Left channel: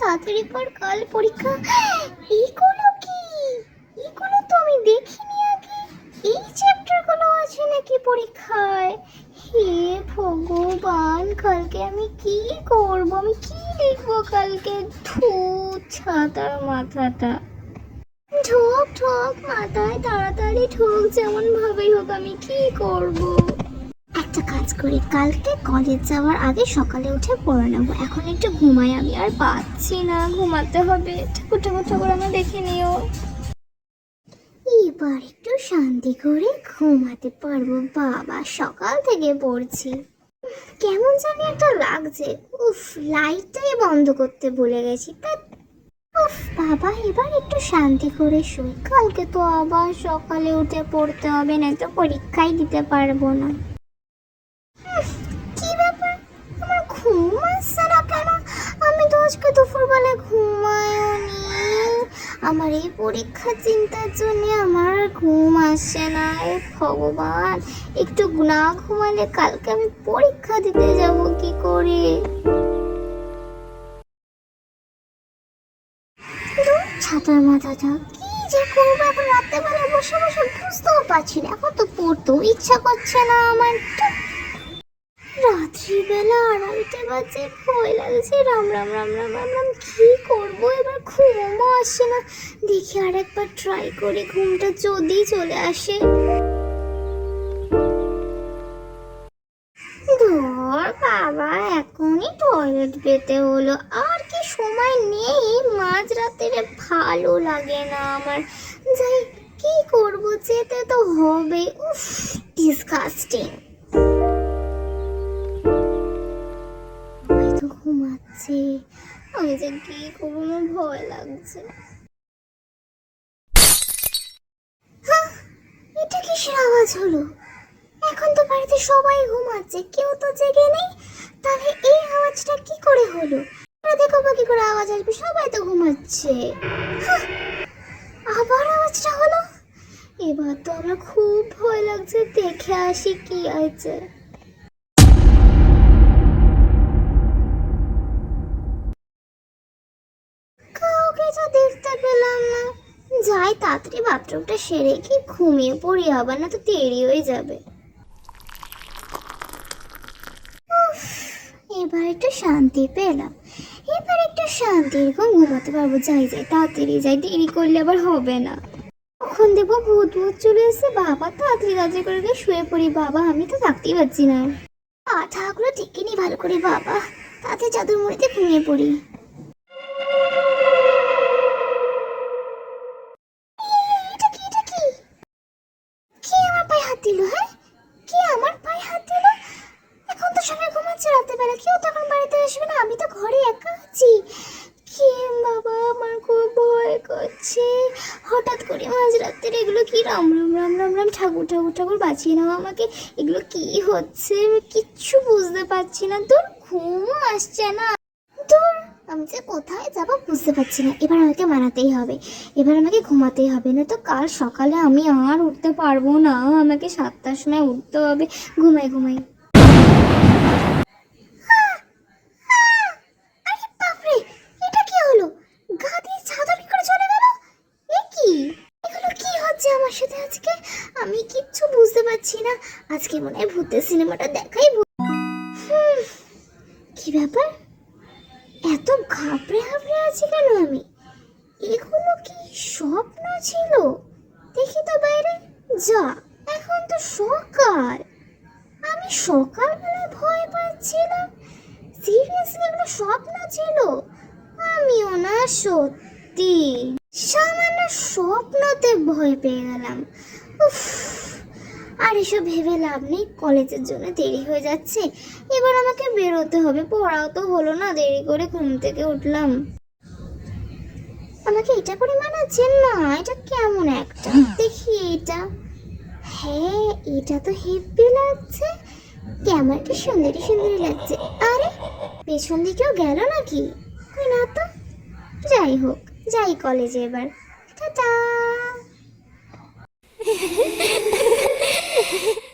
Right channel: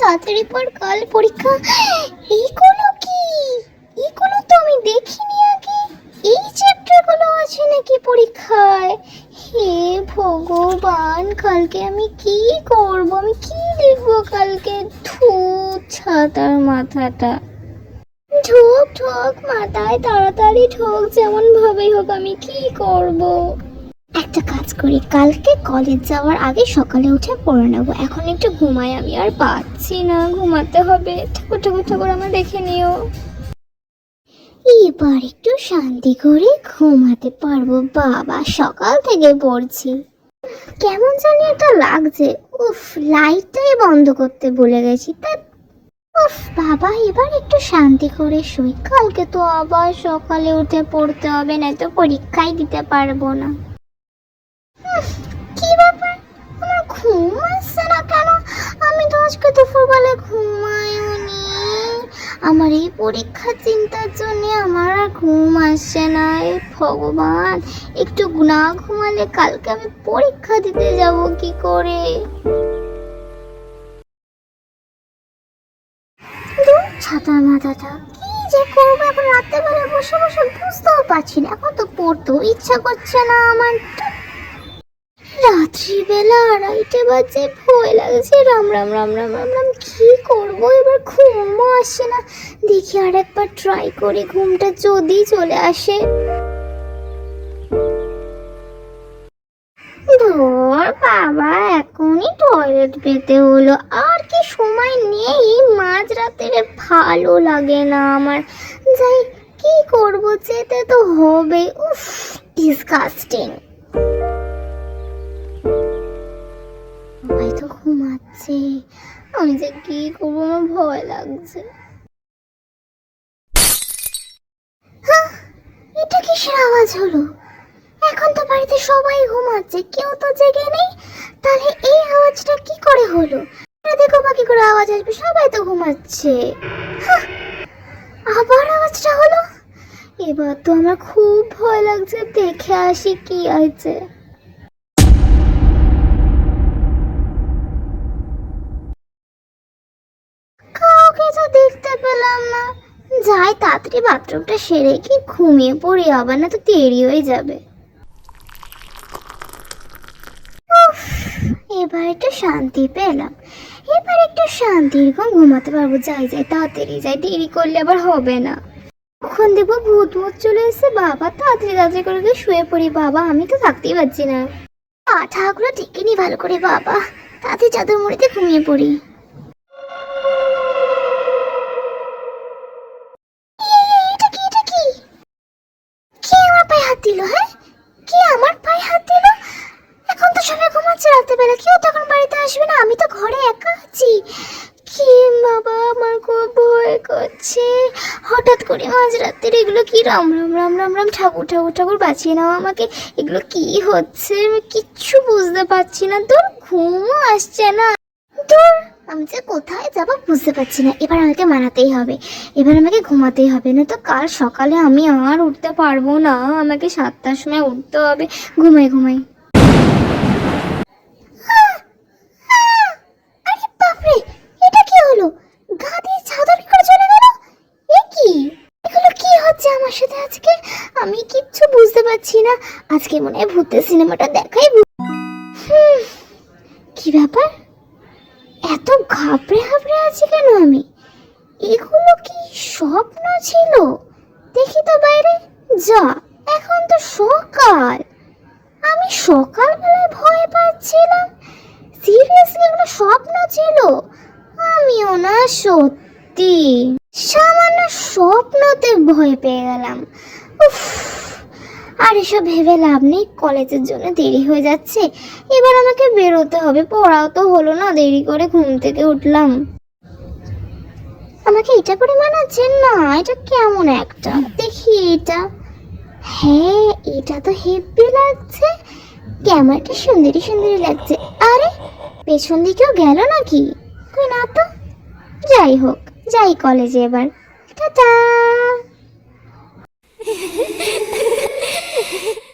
তাড়াতাড়ি পর কাল পরীক্ষা। এইগুলো কি? এগুলো তো আমি দেখিনি আগে। এই চ্যাপ্টারগুলো আছে নাকি পরীক্ষায়? হে ভগবান, কালকে আমি কি করব? আমি কি লিখব কালকে? ধু, ছাতার মাথাটা। ঢোক ঢোক মাথায় তাড়াতাড়ি ঢোক যেমন ভাবেই হোক আমি কি করব? একটা কাজ করি। কালকে কলেজ যাওয়ার আগে সকালে উঠে পড়ে নেব। এখন একটু ঘুমাই, আমি আর পাচ্ছি না। ঘুমাতে হবে। ঠাকুর ঠাকুর ঠাকুর আমার দেখে নিও। এবার একটু শান্তি করে ঘুমাতে পারব। বাবা সকাল থেকে পড়ছি। কেমন জানি একটা লাগছে। উফ লাইটটাই বন্ধ করতে ভুলে গেছি। তা, উফ, বাবা এবার একটু শান্তি করে শুই। কালকে তো আবার সকালে উঠে পড়তে হবে না তো পরীক্ষাই দিতে পারব না। আজকে দুপুরবেলা ঘুমায়ও নি আমার এই পরীক্ষার চিন্তার জন্য আমার আর ঘুম আসছে না ভগবান। একটু না ঘুমালে কালকে আমি পরীক্ষা দিতে যাব কি করে? ছাতার মাথাটা কি যে করব? এখন রাত্রেবেলা বসে বসে বুঝতেও পারছি না। এখন তো পড়তেও ইচ্ছা করছে না আমার। রাত্রিবেলা আড়াইটে বাজে, ভয় লাগছে। রাম রাম রাম রাম রাম রাম, কি করব? এবার ঘুমও আসছে না। দেখি আর একবার ট্রাই করি। ঘুমটা যদি চলে আসে। ধর বাবা, এখনই টয়লেট পেতে হলো। আর কি সময় নেই। মাঝ রাতের ভালো লাগে না আমার। যাই, কি করব? যেতে তো হবে উফ ডিসকাস্টিং হয়তো আমি যে কি করব, আমার ভয় লাগছে। এটা কিসের আওয়াজ হলো? এখন তো বাড়িতে সবাই ঘুমাচ্ছে, কেউ তো জেগে নেই। তাহলে এই আওয়াজটা কি করে হলো? দেখো বাকি করে আওয়াজ আসবে, সবাই তো ঘুমাচ্ছে। আবার আওয়াজটা হলো? এবার তো আমার খুব ভয় লাগছে, দেখে আসি কি আছে তাড়াতাড়ি বাথরুমটা সেরে কি ঘুমিয়ে পড়ি? আবার না তো দেরি হয়ে যাবে। এবার একটু শান্তি পেলাম। এবার একটু শান্তির ঘুম ঘুমাতে পারব। যাই যাই, তাড়াতাড়ি যাই। দেরি করলে আবার হবে না। কখন দেবো ভূত ভূত চলে এসেছে? বাবা, তাড়াতাড়ি তাড়াতাড়ি করে গিয়ে শুয়ে পড়ি। বাবা, আমি তো থাকতেই পারছি না। মাথাগুলো টেকে নি ভালো করে। বাবা, তাড়াতাড়ি চাদর মুড়িতে ঘুমিয়ে পড়ি। বেলা কেউ তখন বাড়িতে আসবে না, আমি তো ঘরে একা আছি। কি বাবা, আমার খুব ভয় করছে। হঠাৎ করে মাঝ রাত্রে এগুলো কি রাম রাম রাম রাম রাম ঠাকুর ঠাকুর ঠাকুর বাঁচিয়ে নাও আমাকে। এগুলো কি হচ্ছে? কিচ্ছু বুঝতে পারছি না। তোর ঘুমও আসছে না। তোর, আমি যে কোথায় যাব বুঝতে পারছি না। এবার আমাকে মানাতেই হবে। এবার আমাকে ঘুমাতেই হবে। না তো কাল সকালে আমি আর উঠতে পারব না। আমাকে সাতটার সময় উঠতে হবে। ঘুমাই ঘুমাই আহ! আহ! আরে বাপরে এটা কি হলো গা দিয়ে চাদর কি করে চলে গেল এ কি এগুলো কি হচ্ছে আমার সাথে আজকে, আমি কিচ্ছু বুঝতে পারছি না। আজকে মনে হয় ভূতের সিনেমাটা দেখাই কি ব্যাপার? এত ঘাবড়ে ঘাবড়ে আছি কেন আমি? এগুলো কি স্বপ্ন ছিল? দেখি তো বাইরে। যা, এখন তো সকাল। আমি সকালবেলায় ভয় পাচ্ছিলাম। সিরিয়াসলি এগুলো স্বপ্ন ছিল? আমিও না, সত্যি। সামান্য স্বপ্নতে ভয় পেয়ে গেলাম। উফ, আর এসব ভেবে লাভ নেই, কলেজের জন্য দেরি হয়ে যাচ্ছে। এবার আমাকে বেরোতে হবে, পড়াও তো হলো না, দেরি করে ঘুম থেকে উঠলাম। আমাকে এটা পরে মানাচ্ছে না, এটা কেমন একটা? দেখি এটা। হ্যাঁ এটা তো হেব্বি লাগছে। ক্যামেরাটা সুন্দরী সুন্দরী লাগছে। আরে, পেছন দিকেও গেল নাকি? কই না তো? যাই হোক। যাই কলেজে এবার। টাটা!